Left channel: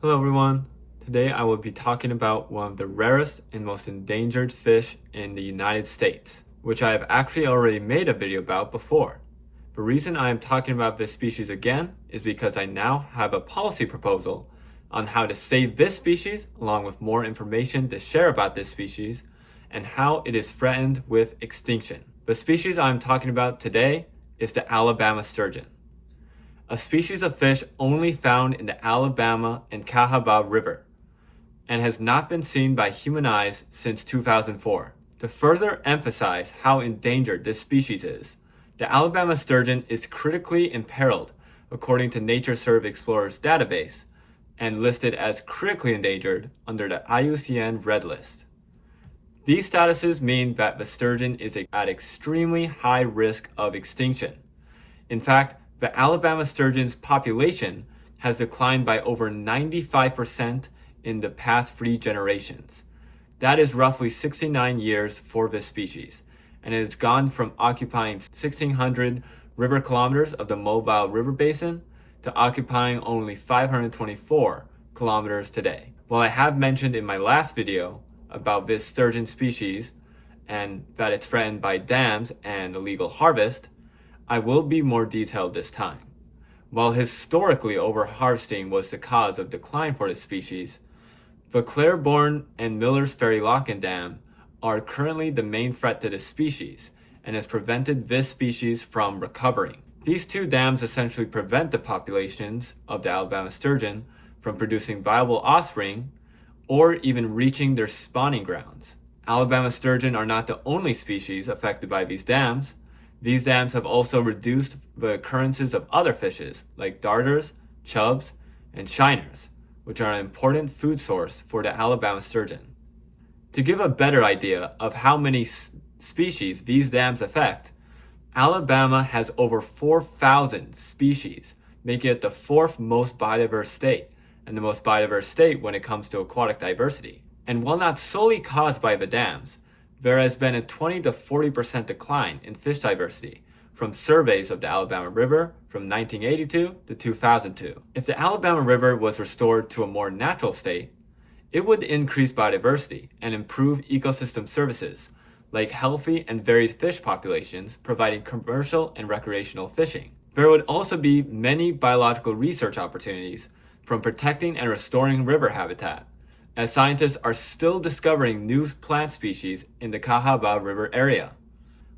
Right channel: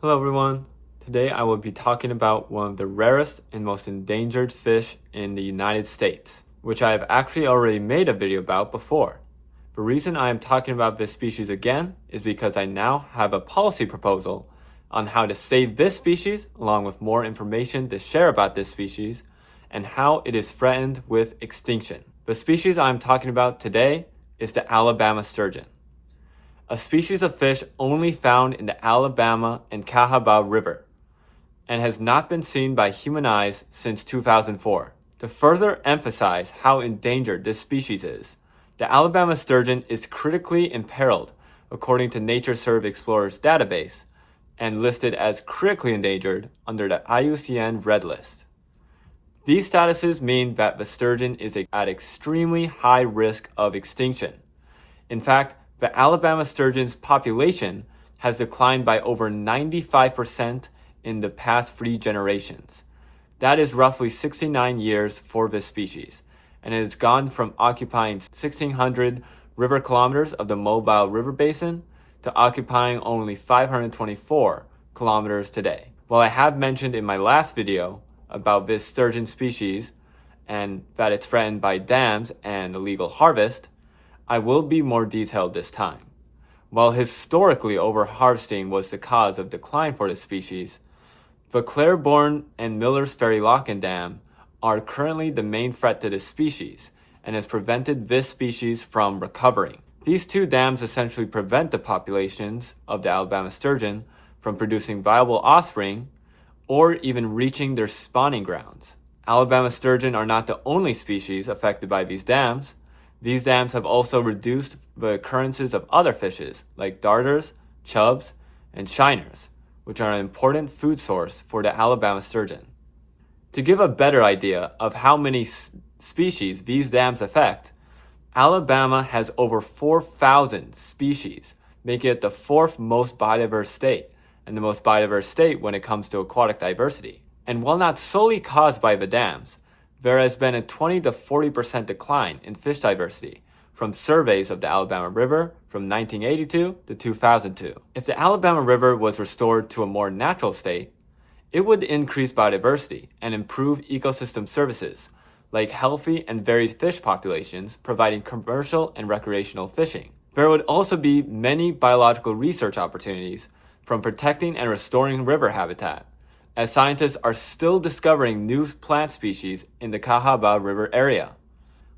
Hello everyone. Today I will be talking about one of the rarest and most endangered fish in the United States, which I have actually already made a video about before. The reason I am talking about this species again is because I now have a policy proposal on how to save this species, along with more information to share about this species and how it is threatened with extinction. The species I am talking about today is the Alabama sturgeon, a species of fish only found in the Alabama and Cahaba River, and has not been seen by human eyes since 2004. To further emphasize how endangered this species is, the Alabama sturgeon is critically imperiled according to Nature Serve Explorer's database and listed as critically endangered under the IUCN Red List. These statuses mean that the sturgeon is at extremely high risk of extinction. In fact, the Alabama sturgeon's population has declined by over 95% in the past 3 generations. That is roughly 69 years for this species, and it has gone from occupying 1,600 river kilometers of the Mobile River Basin to occupying only 524 kilometers today. While I have mentioned in my last video about this sturgeon species and that it's threatened by dams and illegal harvest, I will be more detailed this time. While historically overharvesting was the cause of decline for this species, the Claiborne and Miller's Ferry Lock-in Dam are currently the main threat to this species and has prevented this species from recovering. These 2 dams essentially prevent the populations of the Alabama sturgeon from producing viable offspring or even reaching their spawning grounds. Alabama sturgeon are not the only species affected by these dams. These dams have also reduced the occurrences of other fishes like darters, chubs, and shiners, which are an important food source for the Alabama sturgeon. To give a better idea of how many species these dams affect, Alabama has over 4,000 species, making it the 4th most biodiverse state, and the most biodiverse state when it comes to aquatic diversity. And while not solely caused by the dams, there has been a 20 to 40% decline in fish diversity from surveys of the Alabama River from 1982 to 2002. If the Alabama River was restored to a more natural state, it would increase biodiversity and improve ecosystem services like healthy and varied fish populations providing commercial and recreational fishing. There would also be many biological research opportunities from protecting and restoring river habitat, as scientists are still discovering new plant species in the Cahaba River area.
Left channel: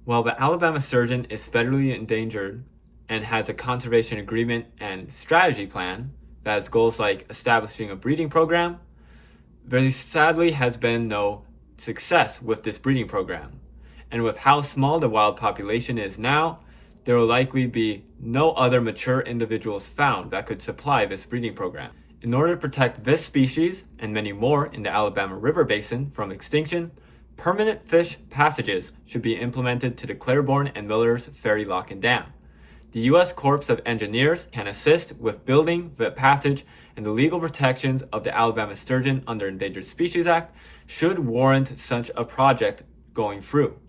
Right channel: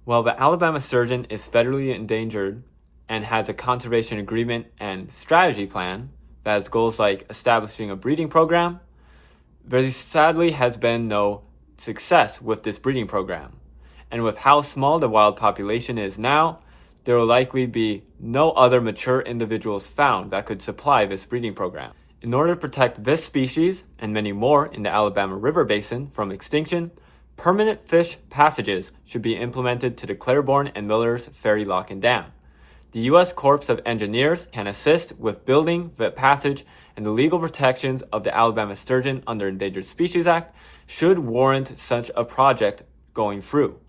While the Alabama sturgeon is federally endangered and has a conservation agreement and strategy plan that has goals like establishing a breeding program, there sadly has been no success with this breeding program. And with how small the wild population is now, there will likely be no other mature individuals found that could supply this breeding program. In order to protect this species and many more in the Alabama River Basin from extinction, permanent fish passages should be implemented to the Claiborne and Miller's Ferry Lock-in Dam. The U.S. Corps of Engineers can assist with building the passage, and the legal protections of the Alabama sturgeon under Endangered Species Act should warrant such a project going through.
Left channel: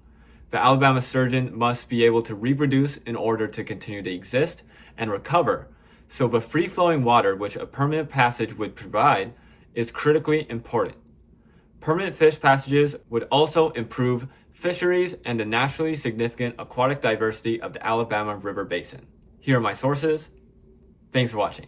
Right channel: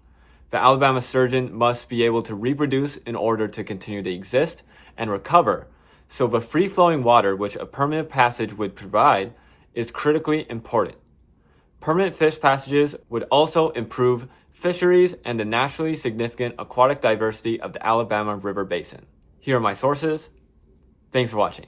The Alabama sturgeon must be able to reproduce in order to continue to exist and recover, so the free-flowing water which a permanent passage would provide is critically important. Permanent fish passages would also improve fisheries and the naturally significant aquatic diversity of the Alabama River Basin. Here are my sources. Thanks for watching.